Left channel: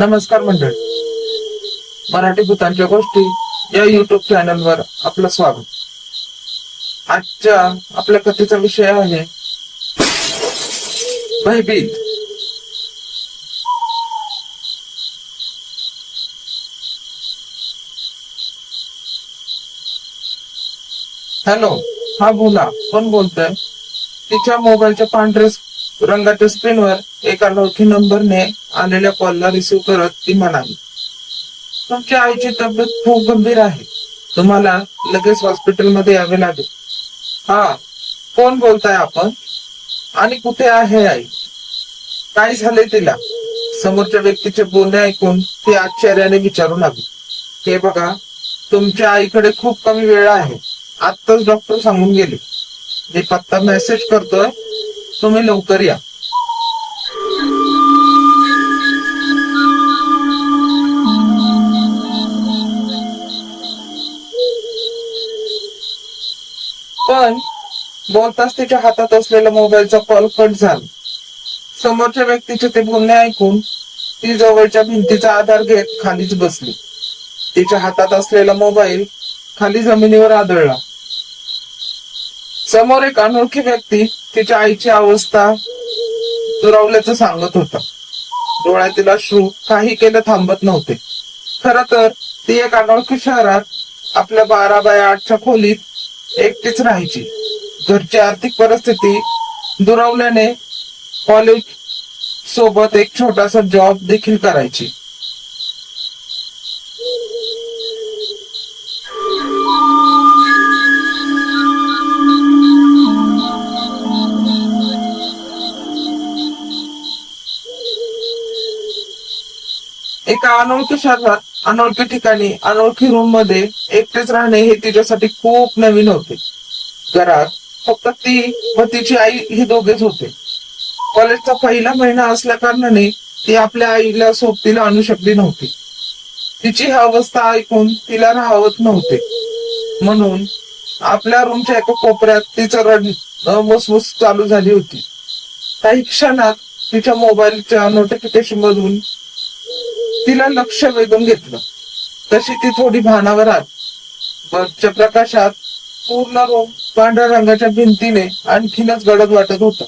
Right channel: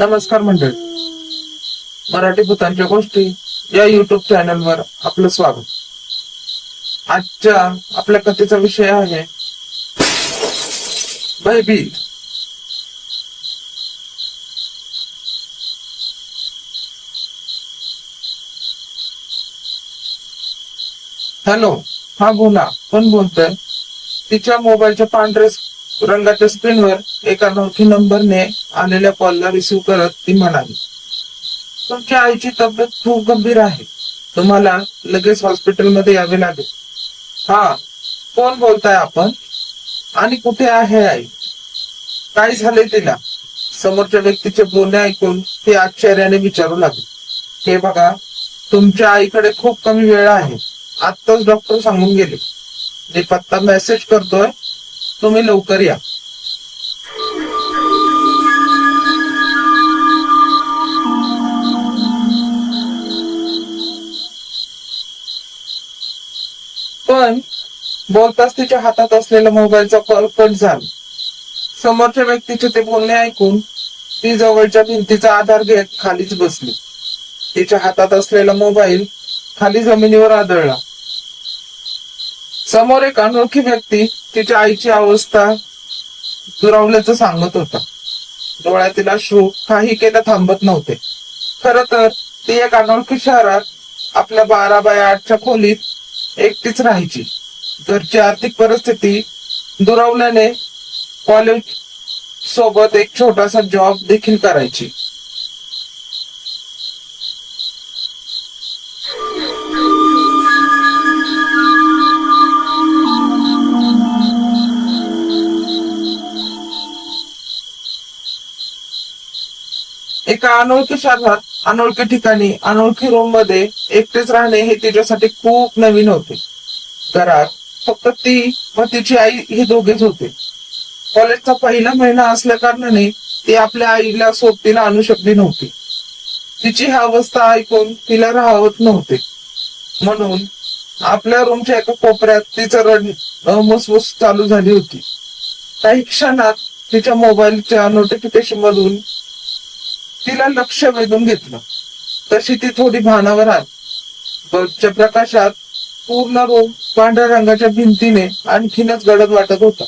नमस्कार मंडळ. मराठी भूतांच्या गोष्टी या युट्यूब चॅनलवर आपलं स्वागत. आजच्या आपल्या कथेचा विषय आहे भयभीत. हॅलो, हा बोला, कोण बोलतोय? तिच्या मोबाईलच्या पांढऱ्या रंगाच्या स्क्रीनवर एका अनोळखी नंबरने आलेल्या कॉलला रिसीव्ह करत ती म्हणाली, तुमच्या आईची तब्येत खूप गंभीर आहे. तुम्हाला लगेच हॉस्पिटलमध्ये यावे लागेल. हा, कोण बोलताय आपण? आणि कुठे आहे आई? काय झाले तिला? समोरच्या व्यक्तीचे बोलणे ऐकून ती आश्चर्याने विचारू लागली. हे बघा, तुमच्या आईकडे खूप कमी वेळ आहे. आत्ताच डॉक्टर सांगून गेले. मी पत्ता मेसेज करतोय, तुम्ही लवकर या. पण बोलताच तिच्या हातात असलेला मोबाईलचा कॉल कट झाला. समोरच्या व्यक्तीचे ते बोलणे ऐकून ती जवळच्या भिंतीचा आधार घेत खालीच बसली. तिच्या हातात असलेला मोबाईल खाली जमिनीवर आदळला. समोर एक अनोळखी व्यक्ती तिच्या आईची अवस्था दुरावल्याचं सांगत होता. डोळ्यातील अश्रू काही केलं थांबत नव्हते. खर तर ती एक अनोळखी शहरात आपल्या 12x8च्या खोलीत एकटीच राहायची. घरची आर्थिक परिस्थिती दुरावल्याने कॉलेज सोबत एक छोटासा जॉब देखील करायची. एका अनोळखी शहरात, अनोळखी ठिकाणी, अनोळखी रूम मध्ये एकटेच राहणे हे तिच्यासाठी खूप नवीन होते. घरात फक्त ती व तिची आई हे दोघेच होते. कॉलेजचा पहिला महिना असल्या कारणाने ती आपल्या आईला सोबतीला आणू शकली नव्हती. तिची ही अवस्था ऐकून तिला राहवत नव्हते, म्हणून आपल्या रूमच्या एका कोपऱ्यात तिचं रडणं मसमस चालू झाली होती. काही क्षणात तिच्या मोबाईलच्या नोटिफिकेशन मधून तिला लक्ष वेधून घेतलं. तशी ती थोडी भानावर आली. बल्बच्या प्रकाशात पूर्ण रूम पांढऱ्या रंगाच्या भिंतीने आणखीनच गडद वाटत होता.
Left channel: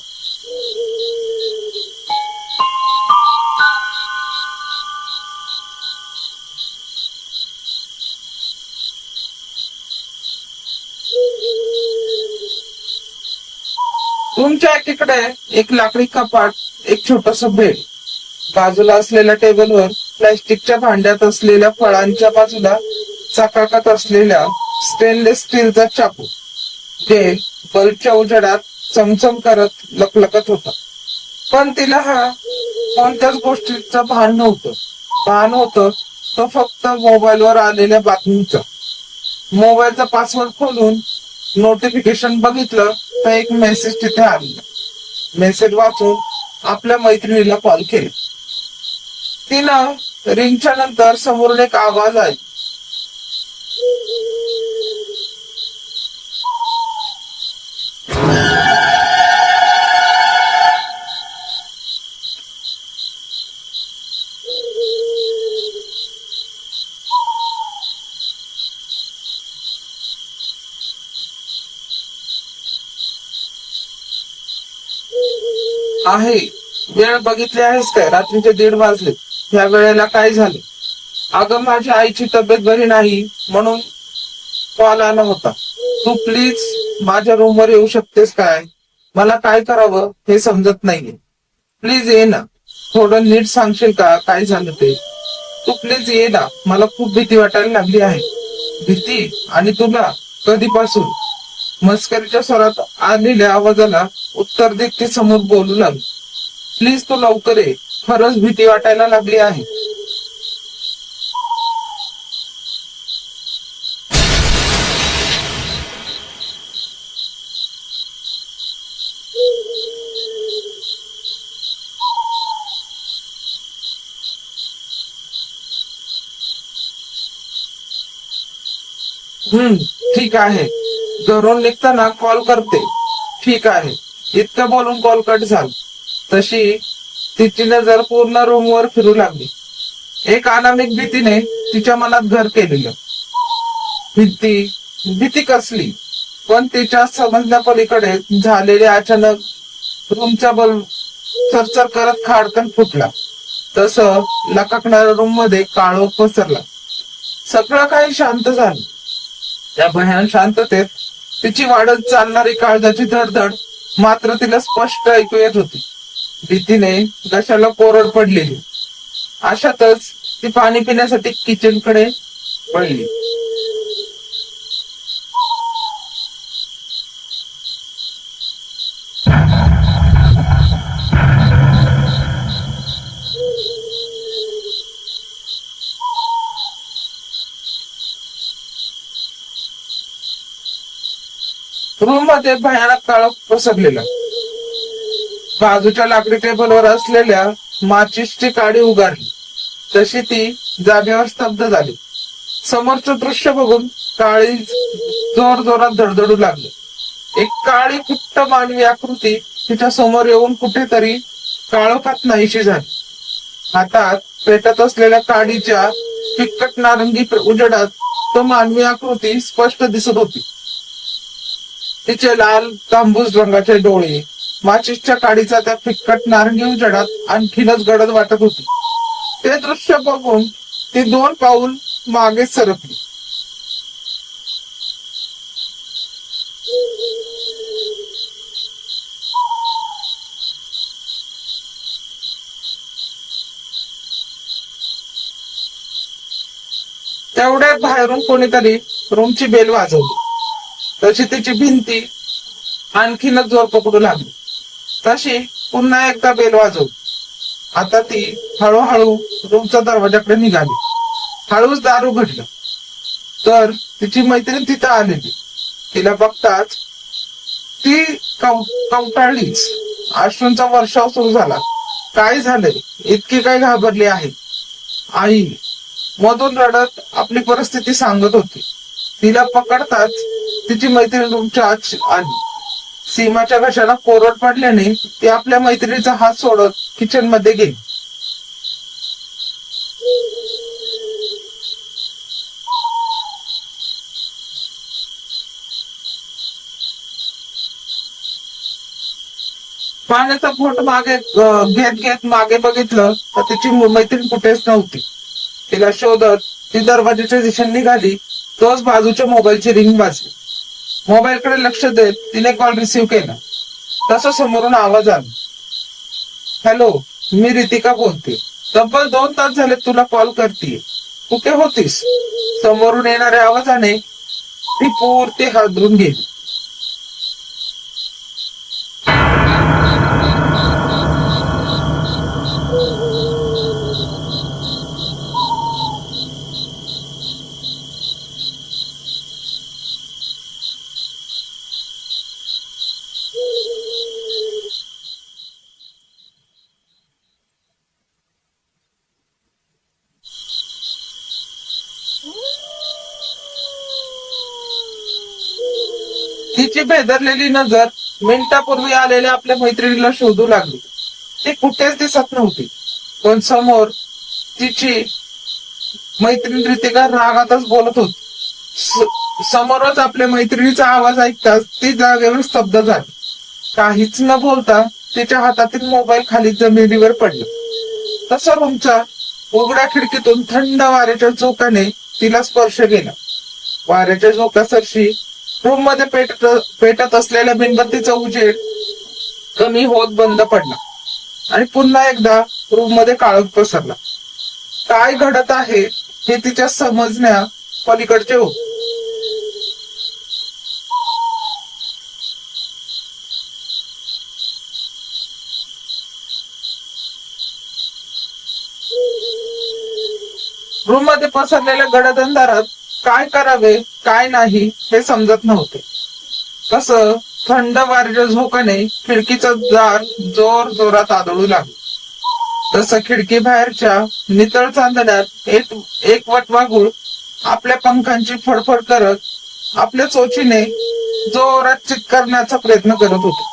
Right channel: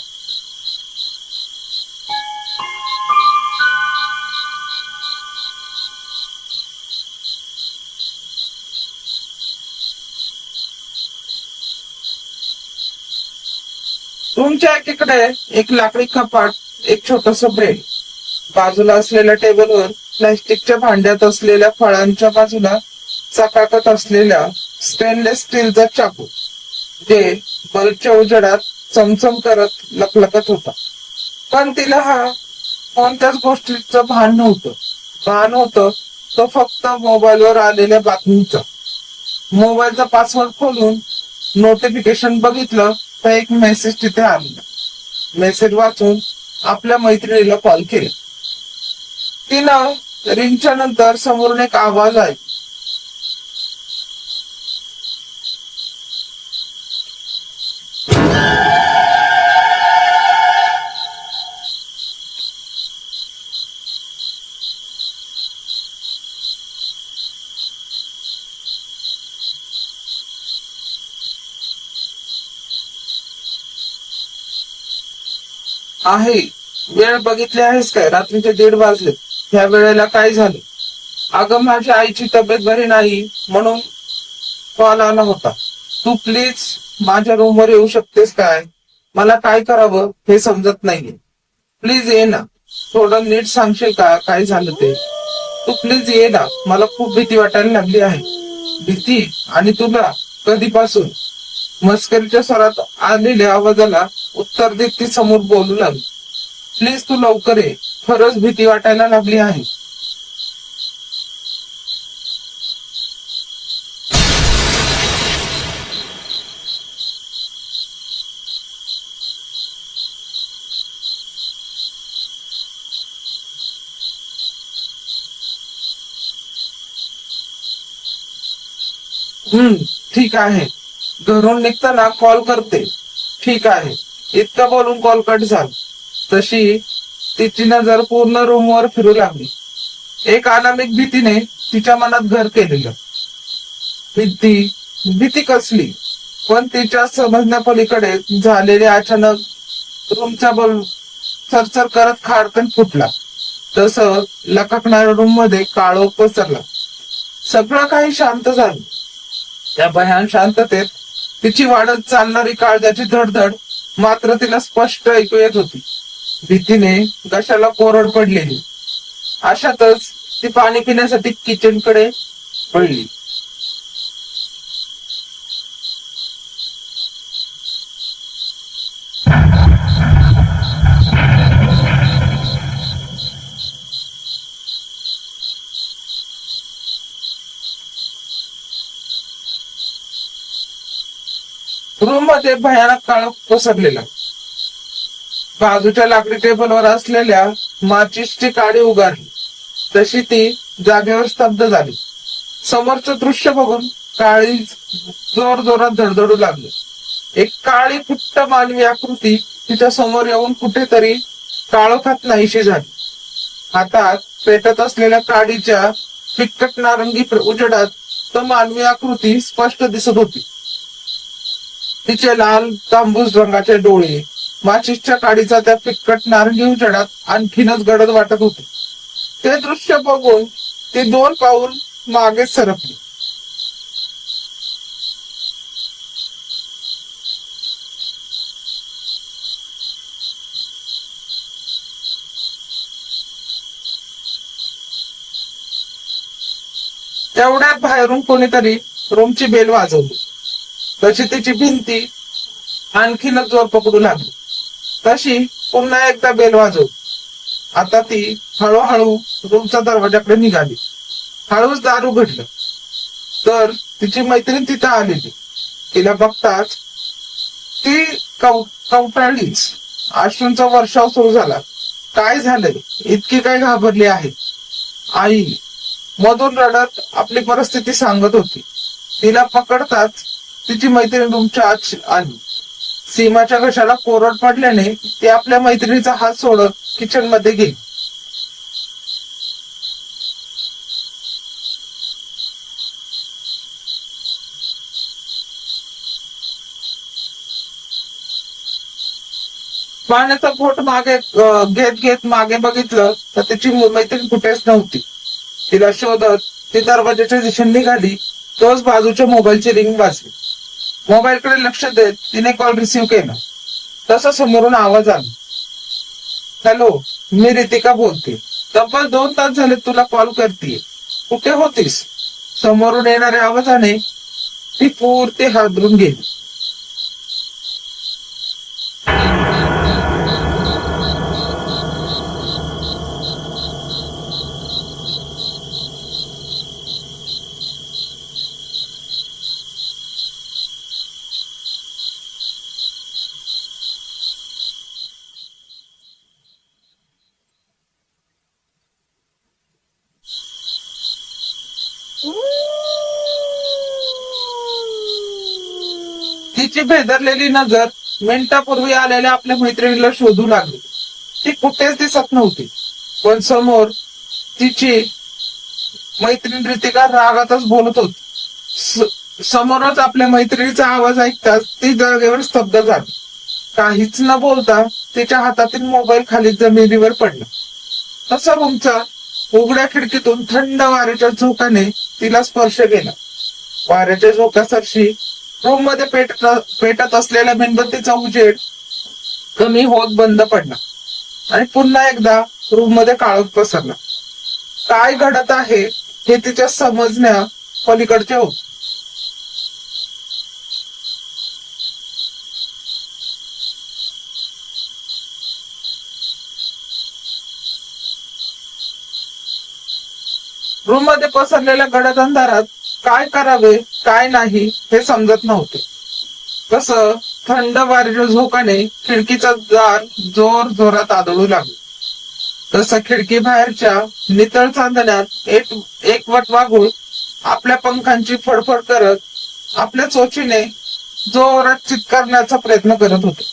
रूमच्या एकीकडे एक लाकडी कपाट, एक छोटस बेड, बाजूला असलेल्या टेबलवर प्लास्टिकच्या भांड्यात असलेल्या फळांच्या बाजूला चकाकत असलेल्या स्टेनलेस स्टीलचा चाकू, जे बल्बच्या उजेडात चमचम करत लखलखत होता. पण तिला हा कोणत्याच गोष्टीचं भान नव्हतं. भान होतं तो फक्त मोबाईलवर आलेल्या बातमीचं. मोबाईलचा पासवर्ड खोलून नोटिफिकेशन बघितलं तर एक मेसेज तिथे आली. मेसेज वाचून आपल्या मैत्रिणीला कॉल केला. तिनं रिंगच्या नंतर समोरून एक आवाज आहे. आहे, वेळ बघितली आहेस काय? रात्रीचे 1:30 वाजले. ह्या वेळेला काय झालं? अगं, माझ्या आईची तब्येत बरी नाही म्हणून कॉल आला होता. तू प्लीज माझ्या रूमवर येऊ शकतेस काय? मला काय करावं हे समजत नाहीये. प्लीज ये ना. थोडं नीट सांगशील का काय झालं ते? तू प्लीज ये ना, मला खूप भीती वाटायला लागली आहे. भीती? आणि तुला? कधीपासून? मस्करीच्या स्वरात आलेल्या आवाजाला उत्तर देत ती समोर बोलू लागली. प्लीज तू लवकर ये, खरंच भीती वाटायला लागली आहे. हम्म, ठीक आहे. घरून निघताना कॉल करते. ठीक आहे. इतकं बोलून कॉल कट झाला. तशी तिची नजर पूर्ण रूमवर फिरू लागली. एक अनामिक भीतीने तिच्या मनात घर केलेलं. भीती भीती कसली, पण तिच्या समजण्यापलीकडे झालेले अचानक रूमच्या बर चरचर करत खाडकन फुटला. तसं लकाकणाऱ्या रूम मध्ये काळोख पसरला. सगळं काही शांत झालं. त्या भयान शांततेत तिची वाढत चालणारी काळजाची धडधड मात्र तिला स्पष्ट ऐकू येत होती. भीतीने घशाला कोरड पडलेली. अशातच ती पाणी पिण्यासाठी किचन कडे वळली. रूम मध्ये भयानक काळोख पसरलेला. बाजूच्या लाकडी टेबलवर असलेल्या माचीसची काडी उगारली. तशी ती जागेवर स्तब्ध झाली. समोरचं दृश्य बघून काळी जोर जोरात धडधडू लागली. एक काळी कुट्ट मानवी आकृती तिच्या समोर येऊन कुठेतरी काळोखात नाहीशी झाली. हातात पेटत असलेल्या काडीच्या फिक्कट नारंगी उजेडात तो मानवी आकृती स्पष्ट दिसत होती. तिचे लाल तांबूस रंगाचे डोळे माचीसच्या काडीचा त्या फिक्कट नारंगी उजेडात आणखीनच गडद वाटत होते. ते दृश्य बघून ती 2 पाऊल मागे सरकली. तेवढ्यात बाहेरून कोणीतरी रूमची बेल वाजवली. तशी तिची भिंती आणखीनच जोर पकडू लागली. तशी पुन्हा एकदा बेल वाजवली. आता ती हळूहळू रूमच्या दरवाजाकडे निघाली. हळूच दार उघडलं तर तिची मैत्रीण तिथं आलेली. तिला बघताच ती कवटाळलीच. अश्रूंचा वर्षाव सुरू झाला. काय झालंय, इतकी काय घाबरली आहे? आई मधून रडत आपली परिस्थिती सांगत होती. तिला पकडताच तिची मैत्रीण रूमच्या आत आली. सीमाच्या घशाला कोरड पडल्याने ती आपल्या मैत्रिणीचा हात सोडत किचन मध्ये गेली. पाण्याचा घोट मागे घेत घेत मागे बघितलं तर तिची मैत्रीण कुठेच नव्हती. तिला शोधत ती दरवाजाच्या दिशेने निघाली. तोच बाजूच्या मोबाईलची रिंग वाजली. मोबाईलकडे लक्ष देत तिने कॉल रिसीव्ह केला. तसं समोरून आवाज आला. हॅलो, मी रितिका बोलते. तब्बल 2 तास झाले तुला कॉल करते. कुठे होतीस? समोरून येणाऱ्या आवाजाने ती पूर्ती हादरून गेली. तिची भेदरलेली नजर मिनिटापूर्वी आलेल्या आपल्या मैत्रिणीला शोधू लागली. ती कुठेच दिसत नव्हती. पण समोर तिची मैत्रीण रितिका रागातच बोलत होती. समोरच आपल्या मैत्रिणीचा आवाज ऐकताच ती जागेवर स्तब्ध झाली. काहीच न बोलता तिच्या हातातील मोबाईल खाली जमिनीवर पडला. तसं रूमच्या उघड्या खिडकीतून थंड वाऱ्याच्या झोकाने तिला स्पर्श केला. वाऱ्याच्या झोक्यासारशी रूम मध्ये पेटत असलेल्या मेणबत्तीचा उजेड कमी होत बंद पडला आणि पुन्हा एकदा रूम मध्ये काळोख पसरला. काय घडत आहे हे तिच्या समजण्या पलीकडचे होते. रूम मध्ये पसरलेल्या गडद अंधारात काय करावे काय नाही हे समजत नव्हते. कसं थंड वाऱ्याच्या झोकाने खिडकीचा दार जोर जोरात आदळू लागला. तसं खिडकी बाहेरच्या नितळ चांदण्यात एक वट मागून आपल्या पंखांची फडफड करत आपल्या चोचीने जोरात चित्कारण्याचा प्रयत्न करत होते.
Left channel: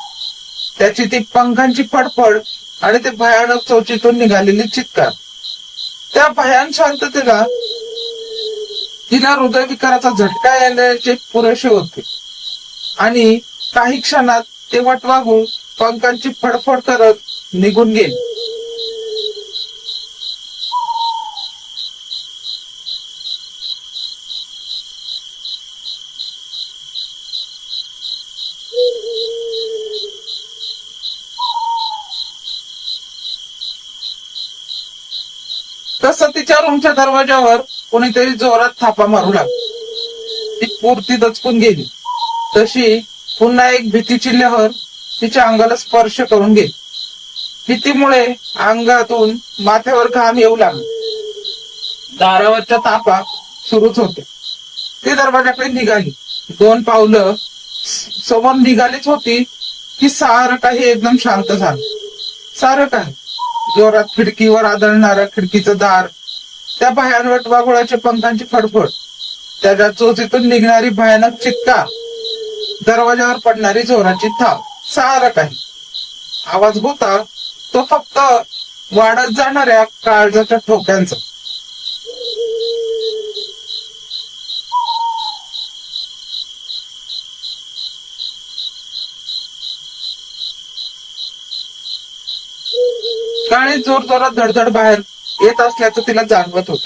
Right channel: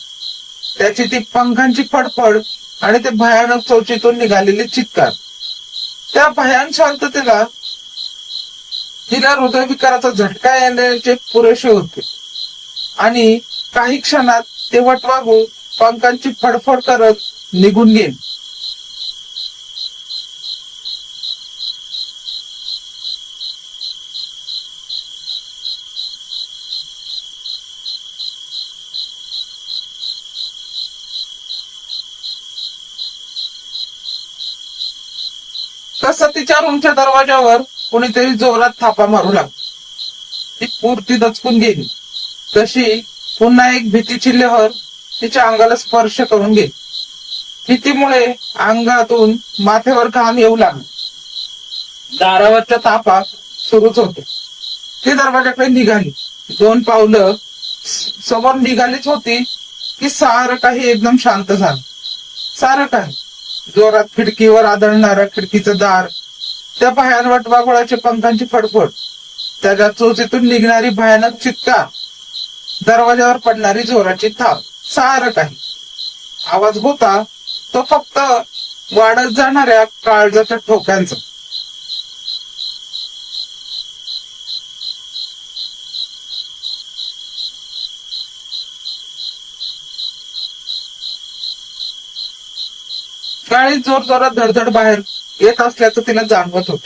त्याची ती पंखांची फडफड आणि ते भयानक चोचीतून निघालेले चित्कार त्या भयान शांततेला तिला हृदयविकाराचा झटका येण्याचे पुरेसे होते आणि काही क्षणात ते वटवाघूळ पंखांची फडफड करत निघून गेले. तसं तिच्या रूमच्या दरवाजावर कोणीतरी जोरात थापा मारू लागला. ती पुरती दचकून गेली. तशी पुन्हा एक भीतीची लहर तिच्या अंगाला स्पर्श करून गेली. भीतीमुळे अंगातून माथ्यावर घाम येऊ लागला. दारावरच्या तापा सुरूच होते. ती दरवाजाकडे निघाली. 2 पावलं समोर निघालीच होती की सारं काही एकदम शांत झालं. सारं काही जोरात खिडकीवर आदळणारं खिडकीचं दार, त्या भयान वटवाघुळाच्या पंखांची फडफड, त्याच्या चोचीतून निघणारी भयानक चित्कार, दरवाजावर पडणारी जोराची थाप, सारं काही आवाज होता तो फक्त वाढत जाणाऱ्या काळजाच्या ठोक्यांचा. गाडी जोर जोरात धडधड बाहेर येत असल्याचं तिला जाणवत होत.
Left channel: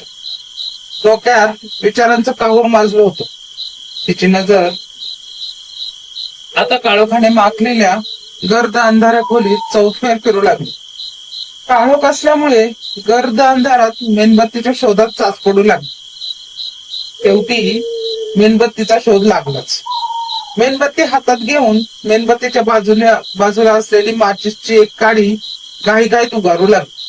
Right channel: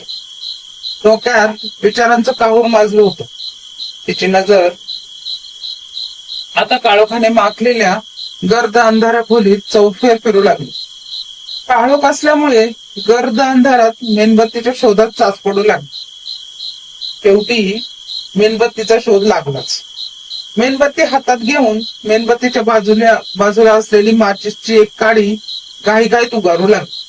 डोक्यात विचारांचं काहूर माजलं होतं. तिची नजर आता काळोखाने माखलेल्या गर्द अंधाऱ्या खोलीत चौफेर करू लागली. काळोख असल्यामुळे गर्द अंधारात मेणबत्तीच्या शोधात चाच पडू लागली. शेवटी मेणबत्तीचा शोध लागलाच. मेणबत्ती हातात घेऊन मेणबत्तीच्या बाजूला असलेली माचीसची एक काडी घाईघाईत उभारू लागली.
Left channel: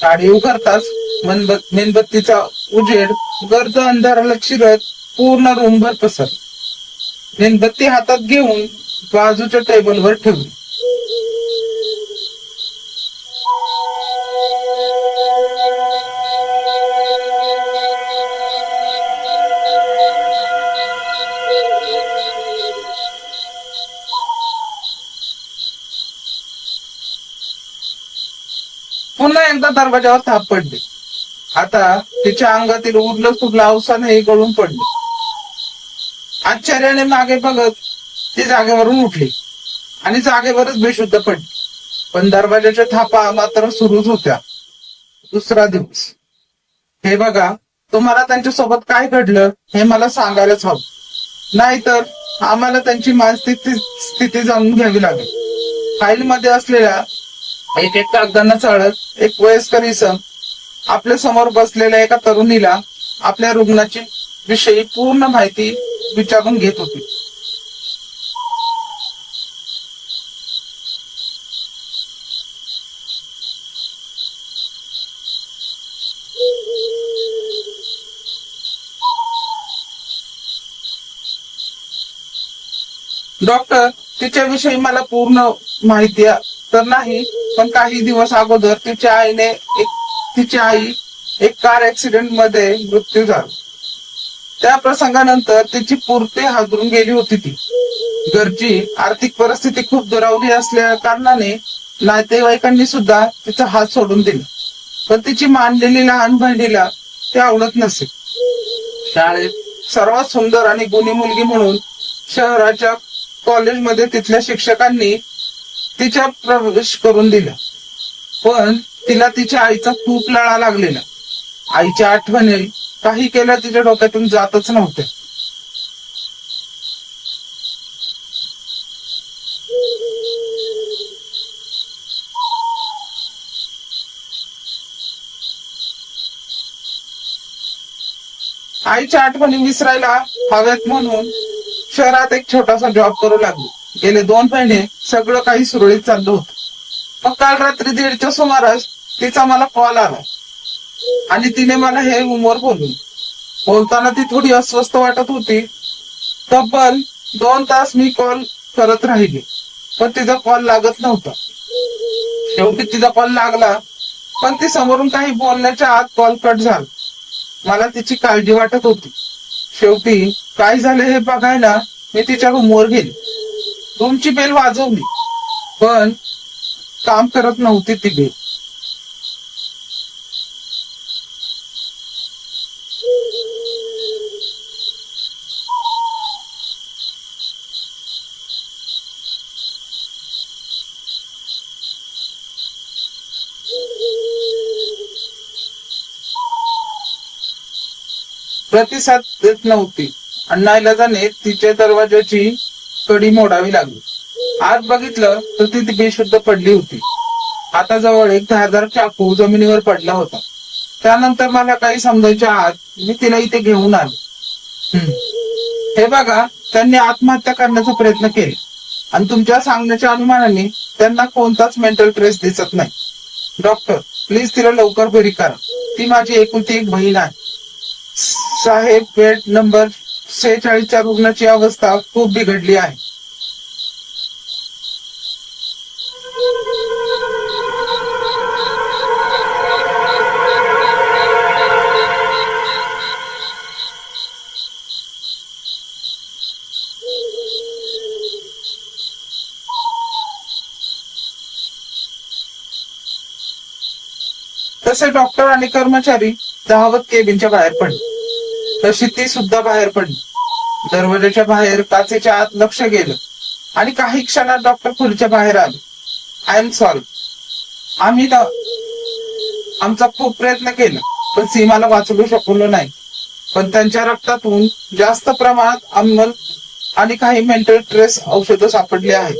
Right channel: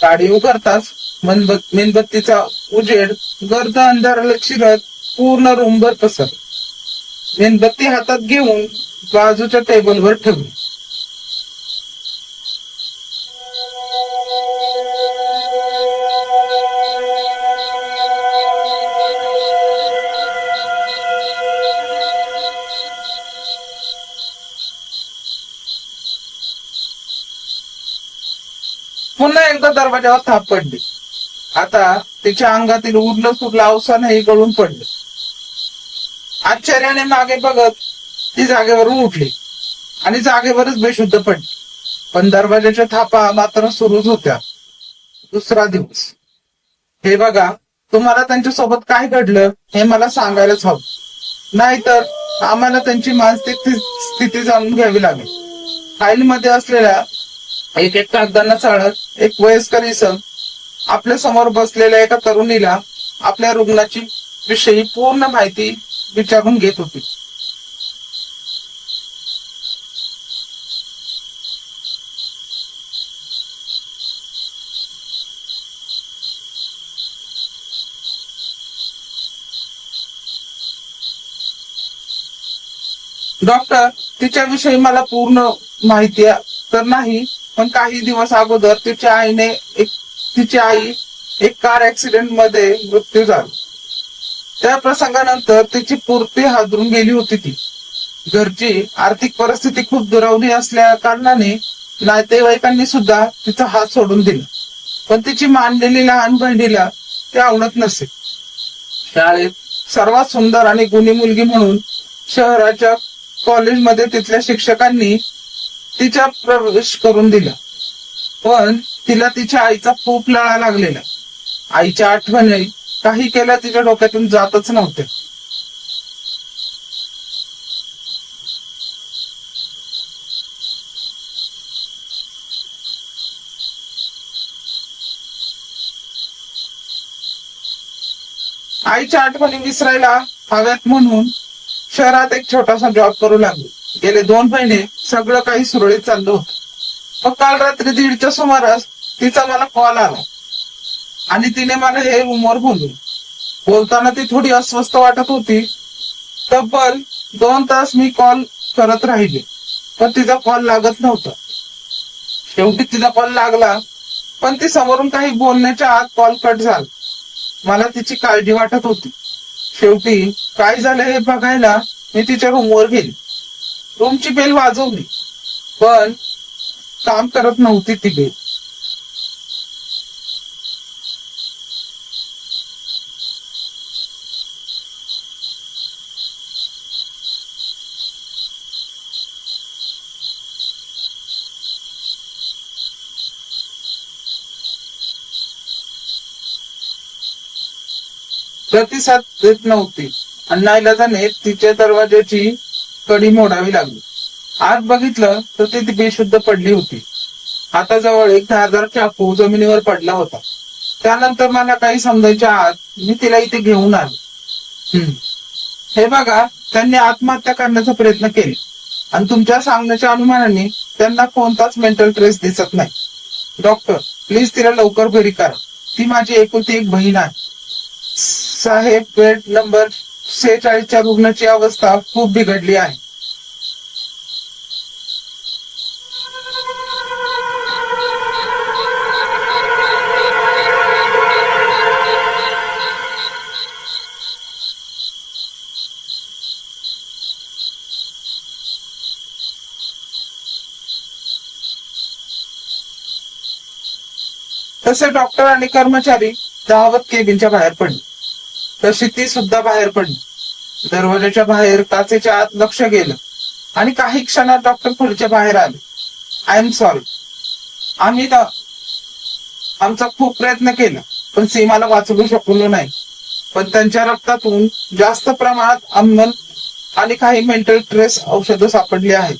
काडी उघडताच मेणबत्तीचा उजेड गर्द अंधाराला चिरत पूर्ण रूमभर पसरला. मेणबत्ती हातात घेऊन बाजूच्या टेबलवर ठेवली. पुन्हा एकदा दरवाजावर थाप पडली. आता तिच्या अंगातील उरलं सुरलं अवसानही गळून पडले. आश्चर्याने मागे बघत ती जागेवरून उठली आणि जागेवरच बेशुद्ध पडली. पण दरवाजाच्या थापा मात्र सुरूच होत्या. दुसरा दिवस. हे बघा, तुम्हाला त्यांच्यासोबत काय घडलं हे मला सांगायलाच हवं, नाहीतर आम्हाला त्यांची मानसिक स्थिती जाणून घ्यावी लागेल. फाईल मध्ये असलेल्या एक एक कागदांना चाळत एक वयस्कर इसम आपल्या समोर बसलेल्या एका तरुणीला आपल्या रुग्णाची विषयी पूर्ण माहिती विचारून घेत होते. डॉक्टर, तिच्याविषयी मला पूर्ण माहिती तर नाही, पण काही दिवस अगोदर तिची आई एक कार ऍक्सिडेंट मध्ये मृत्यू झाला. त्या प्रसंगानंतर तिची पूर्ती हादरून गेली होती. ती घरची आर्थिक परिस्थिती खूप दुरावली असल्या कारणाने नातेवाईकांनी सुद्धा तिचा हात सोडून दिला. पण तिची मानलेली लहान बहिणीला ते आवडत नसे. शाळेत सर्वात सुंदर आणि गुणी मुलगी म्हणून शहराच्या कॉलेजमध्ये तिथल्या शिक्षकांनी तिच्या प्रवेश करून दिला. पण तिला तिच्या आईचा खूप लळा लागलेला. आईच्या आठवणी काही केल्या तिच्या डोक्यातून जातच नव्हते. आईच्या आठवणी विसरायला हवेत म्हणून शहरात एक छोटासा जॉब करू लागली. गेले 2 महिने सगळं काही सुरळीत चाललं होतं. तो काल रात्री 1:30च्या सुमारास तिचा मला कॉल आला आणि तिने मला हे रूमवर बोलताना ती थोडी अस्वस्थ वाटत होती. तब्बल 2 तास मी कॉल करत राहिले, पण तिचा कॉल लागत नव्हता. शेवटी तिचा कॉल लागला, पण ती समोरून काही बोलण्याच्या आत कॉल कट झाला. मला तिची काळजी वाटत होती. शेवटी काय झालं हे बघायला मी तिच्या रूमवर गेले. रूमची बेल वाजवली, पण काम करत नव्हती ती बेल. प्रतिसाद देत नव्हती आणि नाईलाजाने तिच्या दरवाजाची कडी मोडावी लागली. आत बघितलं तर ती बेशुद्ध पडली होती. हाताजवळ एक धारदार चाकू जमिनीवर पडला होता. त्यानंतर मला काही समजायच्या आत मी तिला इथे घेऊन आलो. हम्म. हे बघा, त्यांनी आत्महत्या करण्याचा प्रयत्न केला आणि तुमच्या सांगण्याच्या अनुमानाने त्यांना कोणताच मेंटल ट्रेस दिसत नाही. डॉक्टर, प्लीज तिला लवकर बरी करा. ती माझी एकुलती एक बहीण आहे. साहेब, बेड नंबर 46च्या रुग्णाची अवस्था खूप बिघडली आहे. तसे डॉक्टर आणि कर्मचारी धावत केबिनच्या बाहेर पडले. तशी ती सुद्धा बाहेर पडली. दरवाजाच्या बाहेर काचेच्या आत लक्ष गेलं आणि काही क्षणात डॉक्टर खोलीच्या बाहेर आले. I am sorry. आम्ही आमचा खूप प्रयत्न केला पण सीमाला वाचवू शकलो नाही. पण त्यांच्या रक्तातून जास्त प्रमाणात अम्ल आणि काही मेंटल ट्रेस औषधं सापडली आहेत.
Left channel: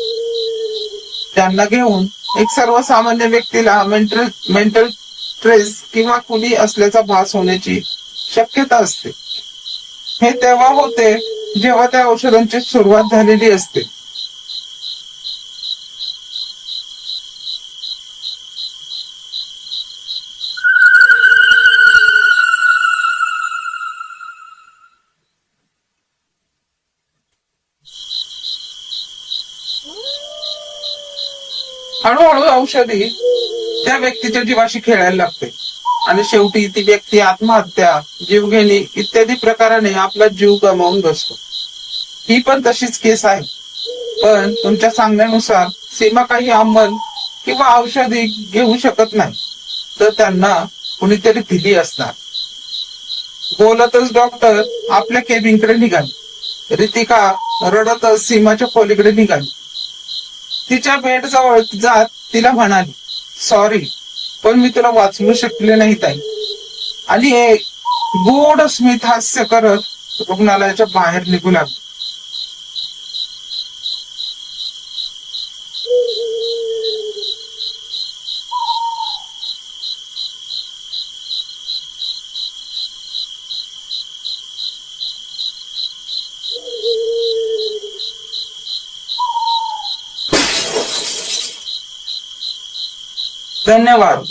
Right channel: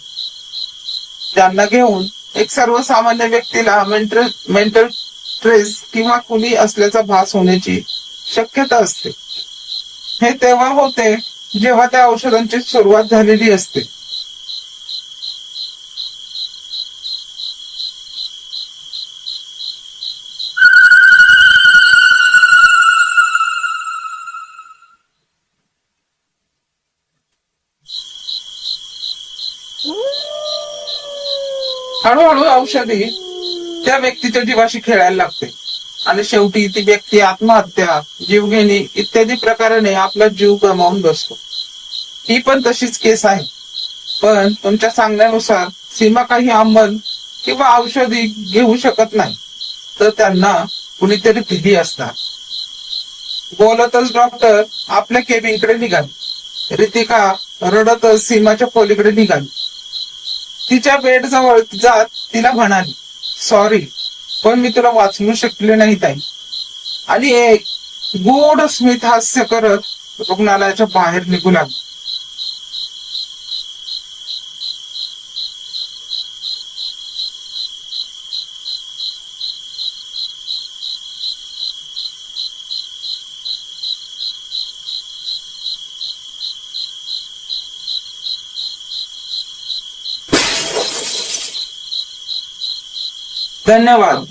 त्यांना घेऊन एक सर्वसामान्य व्यक्तीला मेंटल ट्रेस किंवा कुणी असल्याचा भास होण्याची शक्यता असते. हे तेव्हा होते जेव्हा त्या औषधांची सुरुवात झालेली असते. हळूहळू औषधी त्या व्यक्तीच्या जीवाशी खेळायला लागते आणि शेवटी ती व्यक्ती आत्महत्या, जीवघेणी इत्यादी प्रकाराने आपला जीव गमावून बसतो. ही पण तशीच केस आहे. पण तुमच्या सांगण्यानुसार सीमा काही अंमल किंवा औषधी घेऊ शकत नाही, तर त्यांना कुणीतरी दिली असतात. बोलतच डॉक्टर आपल्या केबिनकडे निघाले. रितिका रडतच सीमाच्या खोलीकडे निघाली. तिच्या बेड जवळ जात तिला म्हणाली, सॉरी, पण मी तुला वाचवू शकले नाही ताई. आणि एक गोड स्मित हास्य करत रुग्णालयाच्या बाहेर निघू लागली. धन्यवाद.